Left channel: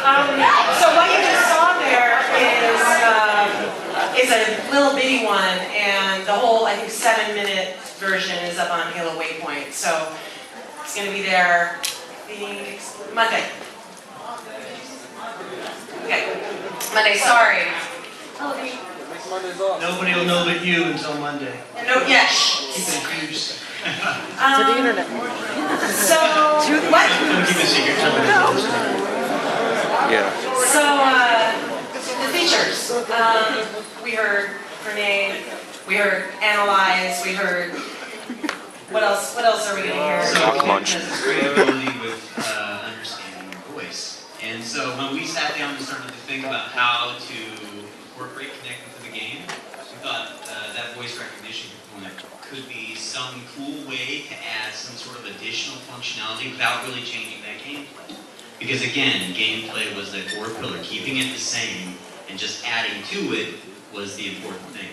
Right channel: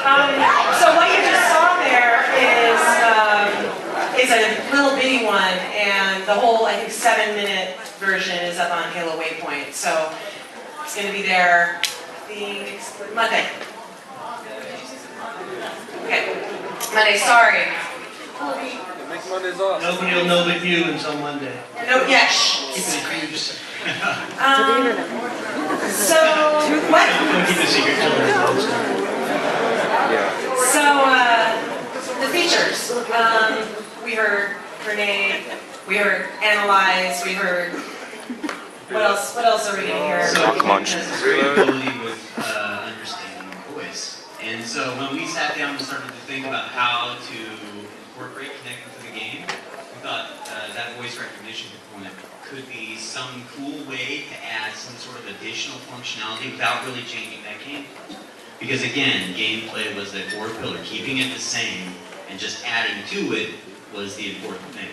So what you just saw there is a little bitty one, and the whole, I think, 7-minute version is up on Halo Waypoint. So it's going to be there the Monday. Okay, Monday. Sorry. Nobody will know but you until Monday. No, yes. Keep it huge. So what? Don't keep a secret till it's Yeah. So the features. We heard grenade. We heard analyze. We heard. What else? What else are we going to hear? Rock munch. Great ability with understanding voice. And so when we sat down and started to think about how to incorporate Connect into the game, we thought that voice recognition component could be some cool way to add some sort of additional functionality without really changing that gameplay. Because again, gameplay was the core pillar. Keeping it the same and just adding to it was the important thing.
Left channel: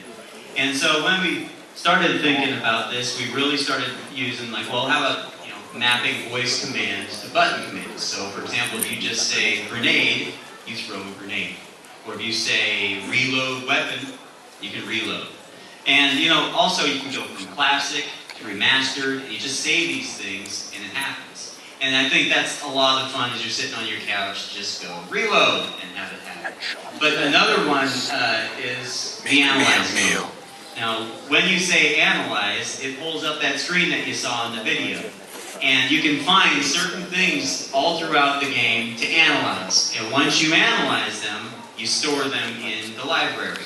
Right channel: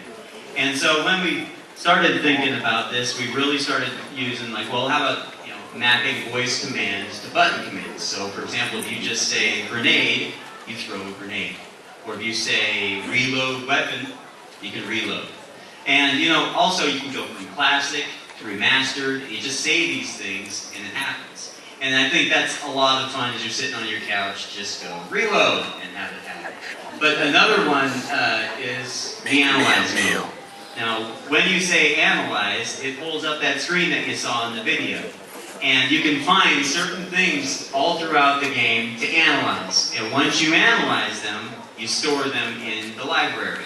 And so when we started thinking about this, we really started using like, well, how about mapping voice commands to button commands. So for example, if you just say grenade, you throw a grenade. Or if you say reload weapon, you can reload. And also you can go from classic to remastered. You just say these things and it happens. And I think that's a lot of fun as you're sitting on your couch, just go reload and have it happen. But another one is the analyze mode. Now, when you say analyze, it pulls up that screen that you saw in the video. And you can find certain things all throughout the game to analyze. And once you analyze them, you store them in the library.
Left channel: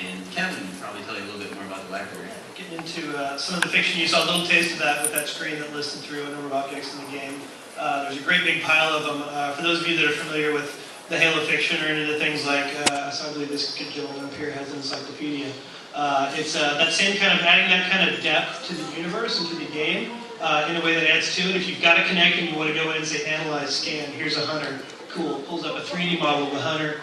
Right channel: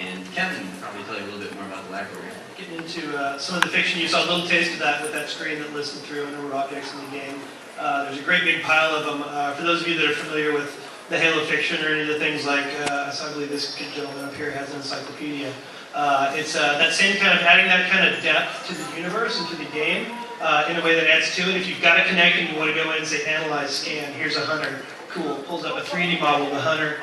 And Kevin will probably tell you a little bit more about the library. Getting into some of the fiction, you saw a little taste of that with that screen that listed through a number of objects in the game. There's a great big pile of them. For those of you that are familiar with the Halo fiction or any of the things like, so I believe this gentleman up here has an encyclopedia. It's that same kind of, adding that kind of depth to the universe and to the game in a way that adds to it. If you've got a Connect and you want to go in and say analyze, scan, here's a hunter, cool, pulls up a 3D model of the hunter,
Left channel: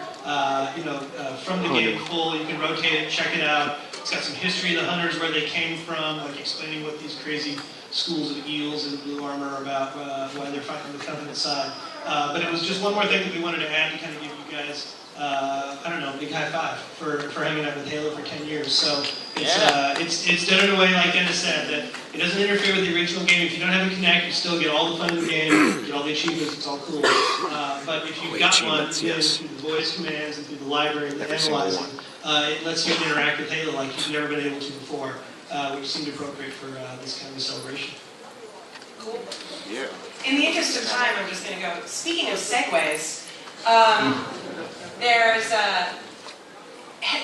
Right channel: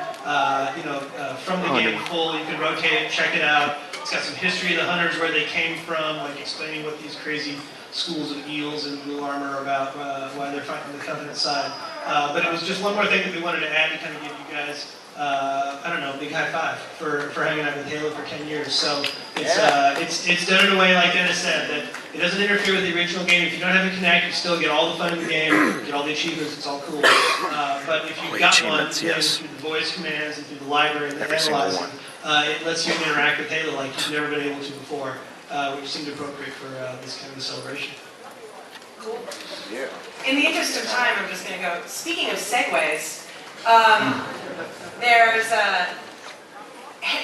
from the game full, you can rotate it, check it out. It's got some history of the hunters, where they came from, like explaining what these crazy schools of eels in the blue armor are about, why they're fighting the Covenant side. But it was just one more thing that we wanted to add to kind of give you guys, I don't know, a big high five for hanging out with Halo for 10 years. So it's done in a way, like Dennis said, that it doesn't interfere with the original game. If you don't have a Connect, you still get all the fun in the game, get all the achievements, it's all cool. But if you've got one, yes. through the voice commands and through the library and the analyzing, it lets you interact with Halo like you've never been able to before, which seemed appropriate for this kind of a celebration. Cool. Yeah. In the interest of time, I'm just going to go. Speaking of segues, there's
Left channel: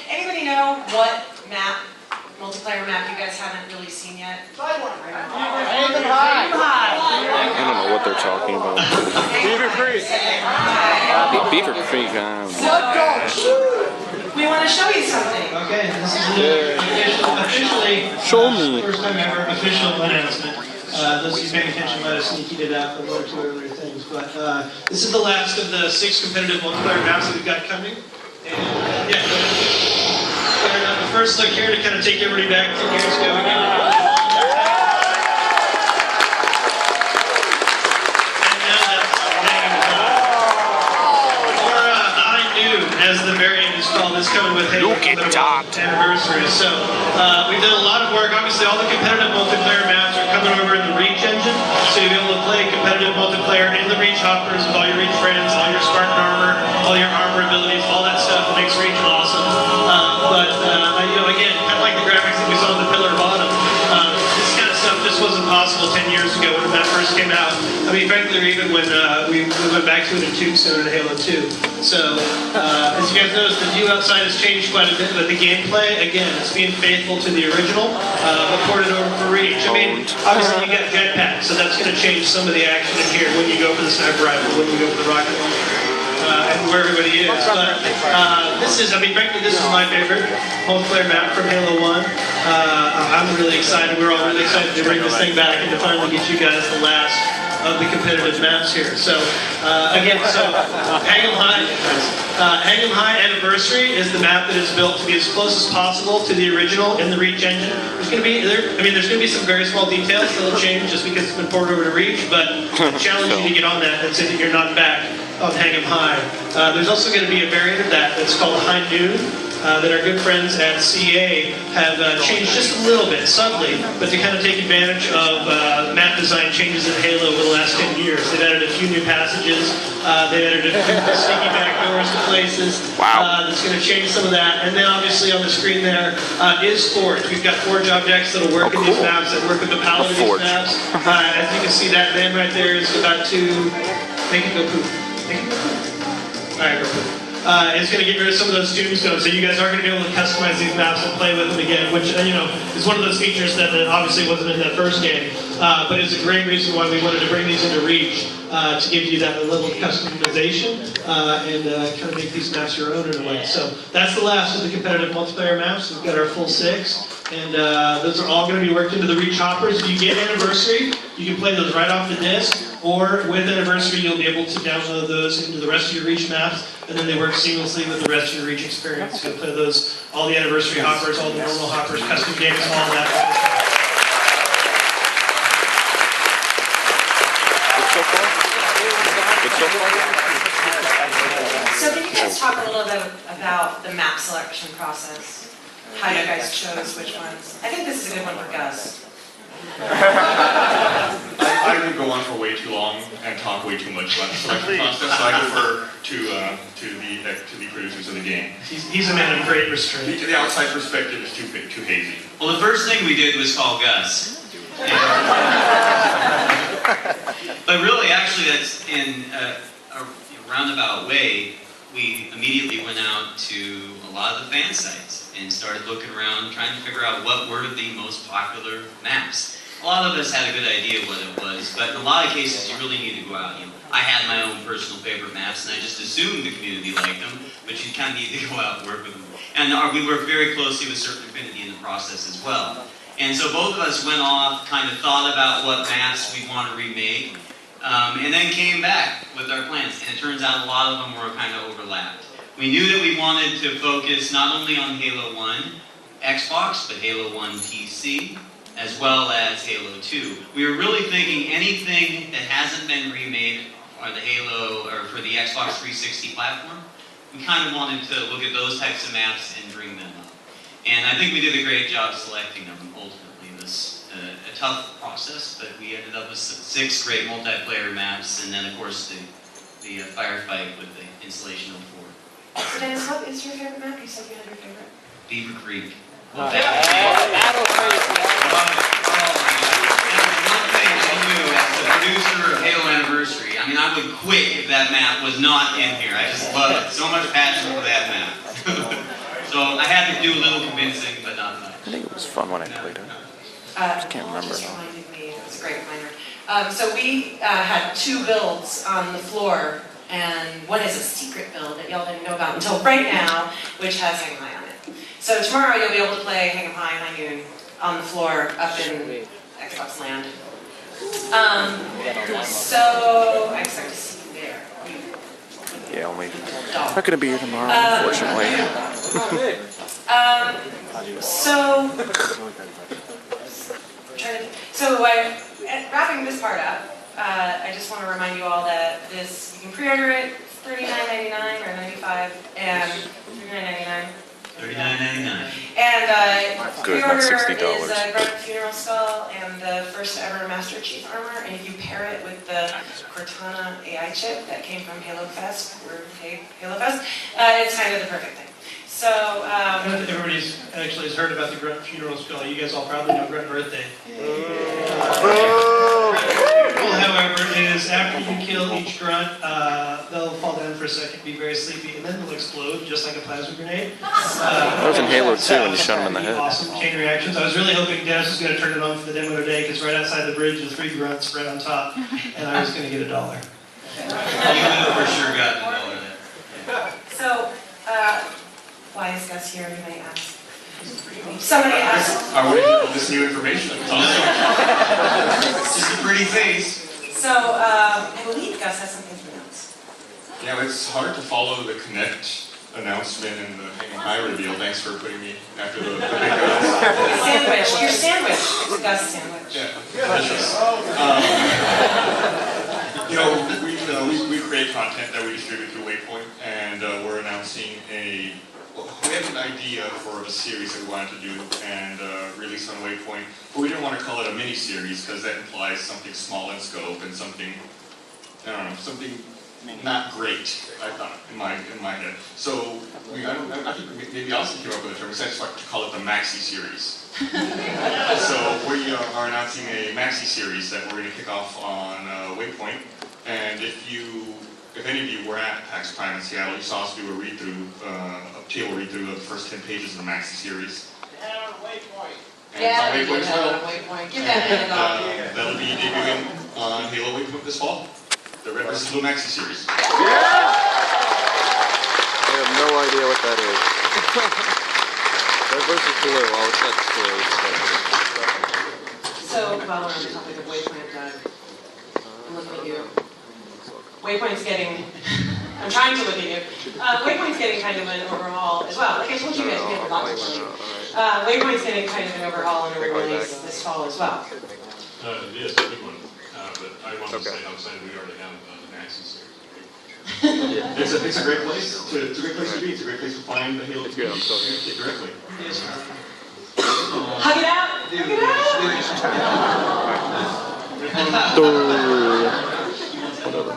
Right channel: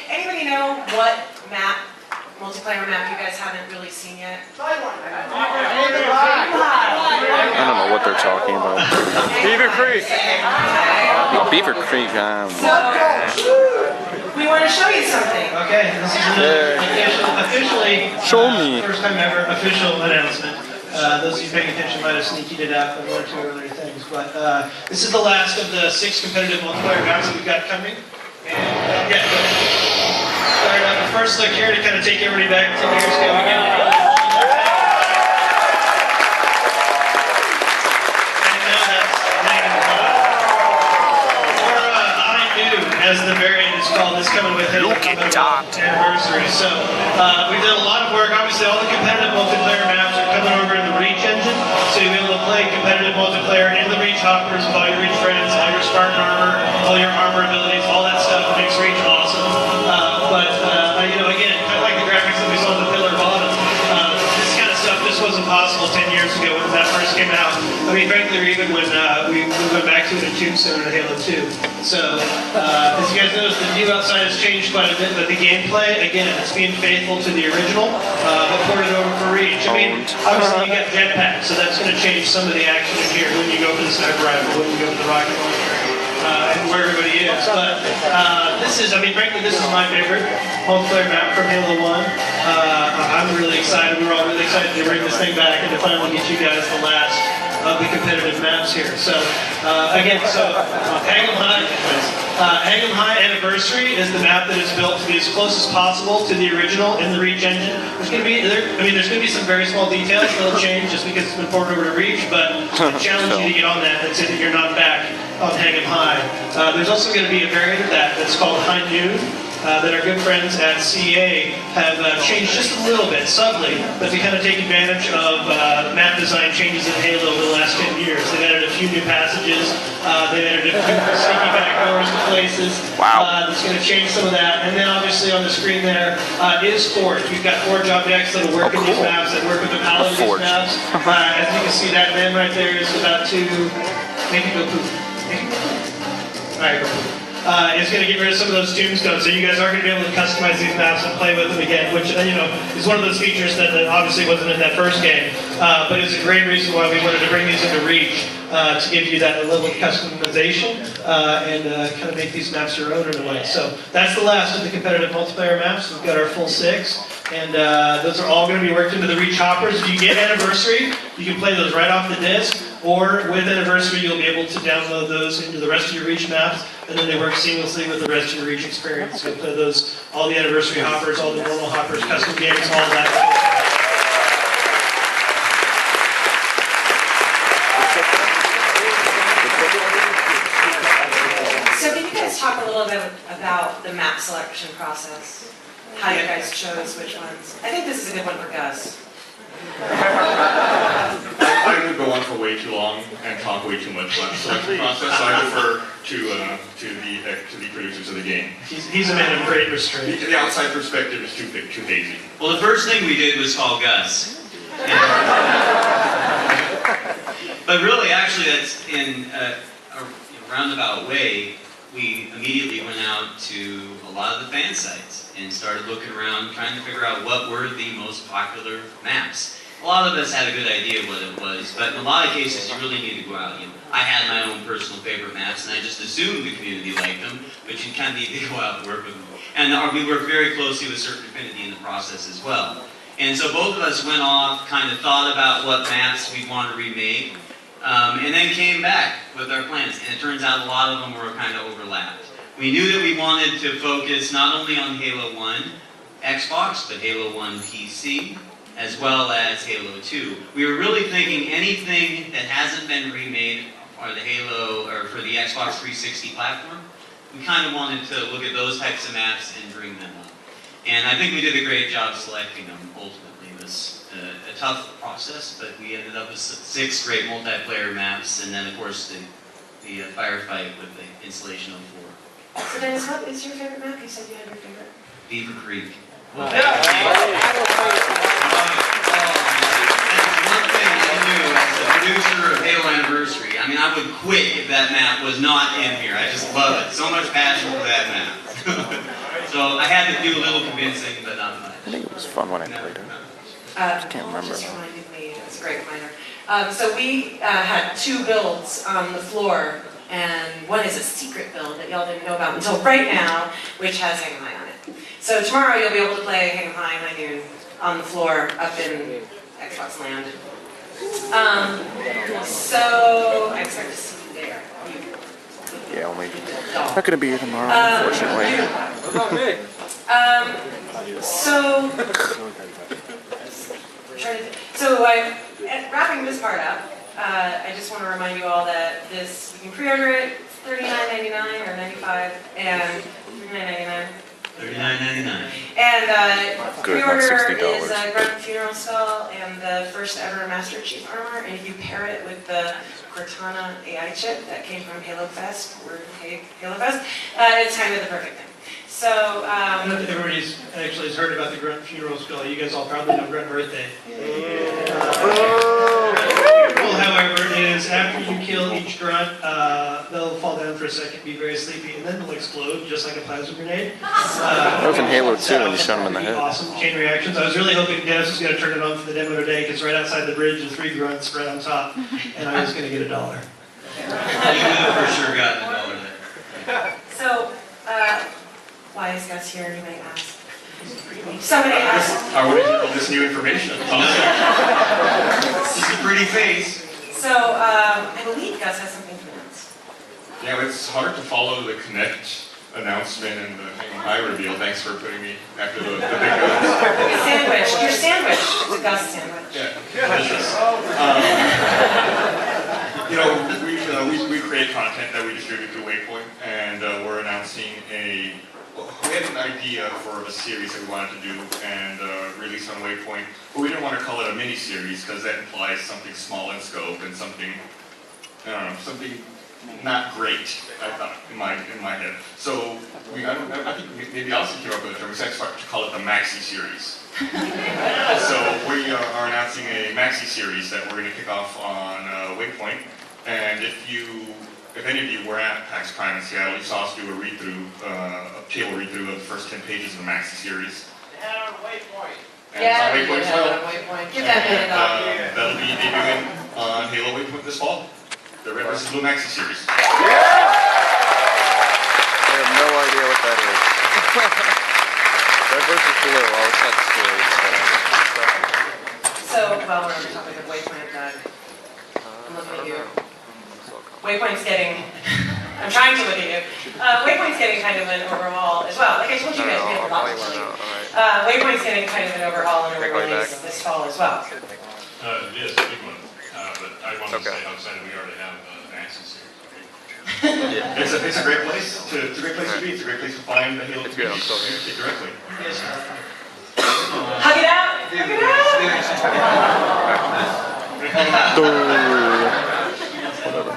anybody know what multiplayer map you guys haven't really seen yet? I don't know what they're talking about. Beaver Creek. Oh, Beaver Creek. We want to show you something. Okay, this is officially Show me. First time ever official announcement. Those of you paying attention might have sneaked it out from one or two earlier things, but this is the last of the 6 competitive multiplayer maps that we've got coming. And the first look here to kind of take everybody back 10 years ago. As the variant is called, is coming with Halo anniversary. So we've done a lot of work. Obviously, all the competitive multiplayer maps are coming over to the Reach engine, so you'll be able to play competitive multiplayer in the Reach hoppers with all your Reach friends, all your Spartan armor, all your armor abilities, all that stuff makes Reach awesome. Again, kind of like the graphics that we saw in the Pillar Bottom, this kind of stuff just wasn't possible 10 years ago when that first came out. I mean, frankly, even when we went back to it in Tombstone and Halo 2. So, as you guys notice, the view outside has changed quite a bit, but the gameplay, again, it's being faithful to the original, but ported over for Reach. I mean, obviously you got jetpacks, so that's going to change some of the action in here when you go for the sniper rifle, when you go for the rocket launcher, and where everybody is. But frankly, this is my favorite multiplayer map from Halo 1. I'm really excited. We're all really excited to bring this thing back and to finally get you guys the last of the competitive maps here. So, hang them high. Hang 'em High Anniversary is the map that is built to be as close as possible to the original in the Reach engine. There's going to be, there's going to be some very small details that'll change just because it's been ported over to Reach, but I challenge you to get on that and say that you're not back on Hang 'em High. There's also going to be a variant of that that's called High Noon. That our good friends at CA have changed just a little bit, subtly, but to kind of take advantage of map design changes in Halo over the last 10 years. They've added a few new passages, they've added a few sneaky back doors to places. Wow. That's going to change some of that. And then obviously on the screen there is Forge. We've got Forge objects that will work in these maps, that work with the palette of these maps. As you can see, that man right there is about to make it go poof. Make it go poof. All right, go poof. It's going to get rid of some of those tombstones, so you guys are going to be able to customize these maps and play with them again, which is one of those features that obviously wasn't in that first game, but it's a great reason why we wanted to bring these into Reach to give you that level of customization and kind of make these maps your own in a way. So that's the last of the competitive multiplayer maps. We've got our full 6. And those are all going to be worked into the Reach hoppers. If you get Anniversary, you can play those right off the disc, or with Anniversary, you'll be able to download those into the rest of your Reach maps, and then they work seamlessly with the rest of your Reach experience. You'll play those, all the Anniversary hoppers, all the normal hoppers, custom games, all that. So can you guys talk a little bit about the map selection process? How you guys chose which ones? I think this is a good one for Gus. I would go on for way too long and talk way too much about the selection process, so I defer to the producers of the game. He's a man of great restraint. The outside perspective is too big, too hazy. Well, the first thing we did was call Gus. But really, actually, that's in a roundabout way. We immediately went out to a lot of the fan sites and started looking around, trying to figure out what were the most popular maps. A lot of us had a good idea what it was, but in a lot of cases, you really need to go out. I had my own personal favorite maps, and I just assumed the community liked them, but you kind of need to go out and work with them. And we worked very closely with Certain Affinity in the process as well. And so both of us went off, kind of thought about what maps we'd want to remake, and then came back with our plans. And it turns out a lot of them were kind of overlapped. We knew that we wanted to focus not only on Halo 1 Xbox, but Halo 1 PC, as well as Halo 2. We were really thinking anything that hasn't been remade for the Xbox 360 platform, we kind of wanted to look at those types of maps and bring them up. And I think we did a great job selecting them ultimately. It was a tough process, but we ended up with 6 great multiplayer maps, and then of course the firefight with the installation of 4. So Dennis, what is your favorite map? You said you had your favorite. Beaver Creek. Oh. And one thing I knew as the producer of Halo Anniversary, I mean, I would quit if that map was not in here. I just love it. So much passion for that map. So I had to do a little convincing, but not much. I think it was fun when I played it. I just can't remember. Just reminded me, it was a great reminder. So we had 2 builds on the floor, and one is a secret build that y'all didn't know about until right now, which has Hang 'em High on it. So tomorrow you'll be able to play Hang 'em High and High Noon on the floor up in Xbox Land. So I expect to see you there. Yeah, only not going to be here tomorrow, unfortunately. Wrapping this part up, I just want to remind you all that this, you can pre-order it $39.99 or $95 and $39.99. $39.99. And Good, pre-order not $60. is a Grunt Funeral Skull and the first ever Master Chief armor. And if you pair it with the Cortana AI chip that came from Halo Fest, Halo Fest, it's kind of the perfect thing. So, everybody's actually has heard about the Grunt Funeral Skull. You guys all probably know Grunt Birthday. Well, however, is after you kill each grunt, they'll fall down for a second, be very sleepy, and then they'll explode just like a plasma grenade. That was in Halo 2 when you shot him in the head. Awesome chain reactions. I was really hoping Dennis was going to turn it on for the demo today, because right outside the bridge is 3 grunts right on top, and I was going to get $1. You would have for sure gotten $1 there. So, why is Gus here, you may ask? Somebody asked. I want to hear all this new information. It's awesome. It's just a pretty face. So, I believe Gus has something to announce. Yeah, it's hard to follow the Connect announcement and the Hang 'em High reveal. Thanks for putting me after the big guns. Your sandwich. It's a Gus sandwich. Yeah, delicious. We create content that we distribute through Waypoint, and we're announcing we had an idea for a series that we wanted to do and release on Waypoint, but we didn't want to call it a mini-series because that implies something small in scope and something, I don't know, something not great, I thought, in my head. So, I think maybe also came up with a term, we decided to call it the Maxi Series. So we are announcing a Maxi Series that we're going to kick off on Waypoint, and if any of you were at PAX Prime in Seattle, you saw us do a table read-through of the first 10 pages of the Maxi Series. They had it on Waypoint. And it's on Waypoint as well. Waypoint. Give that man a dog. That'll be debuting on Halo Waypoint this fall. The Red vs. Blue Maxi Series. I have no idea what that is. Red versus blue, always had stories. So, while we're on the topic of Waypoint, Doug, I'm looking at you. Waypoint's getting, I'm trying to look at you. Waypoint's getting kind of an overhaul as well. Like I told you guys, we have a lot to tell you. Waypoint's getting kind of an overhaul and a re-release this fall as well. It is a big one, but I wanted to say how excited we are to have an Maxi series. It's a great place to be. It's a great place to find the Halo community directly. Hug it out! Hug it out! Whatever.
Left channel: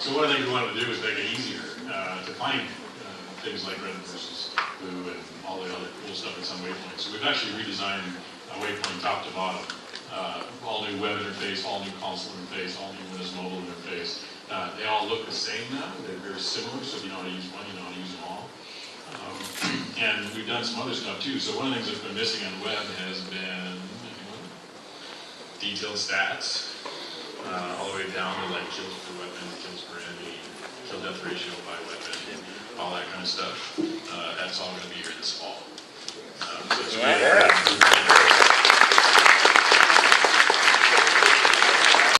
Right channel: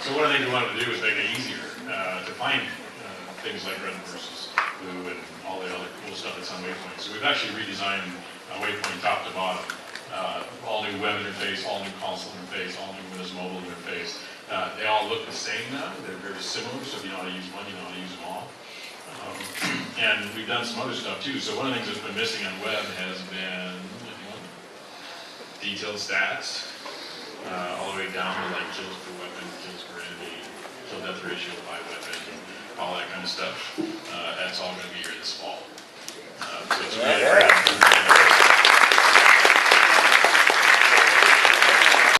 So one of the things we wanted to do is make it easier to find things like Red versus Blue and all the other cool stuff that's on Waypoint. So we've actually redesigned Waypoint top to bottom. All new web interface, all new console interface, all new Windows Mobile interface. They all look the same now. They're very similar, so if you know how to use one, you know how to use them all. And we've done some other stuff too. So one of the things that's been missing on web has been detailed stats, all the way down to like kills per weapon, kills per enemy, kill death ratio by weapon, all that kind of stuff. That's all going to be here this fall. So it's really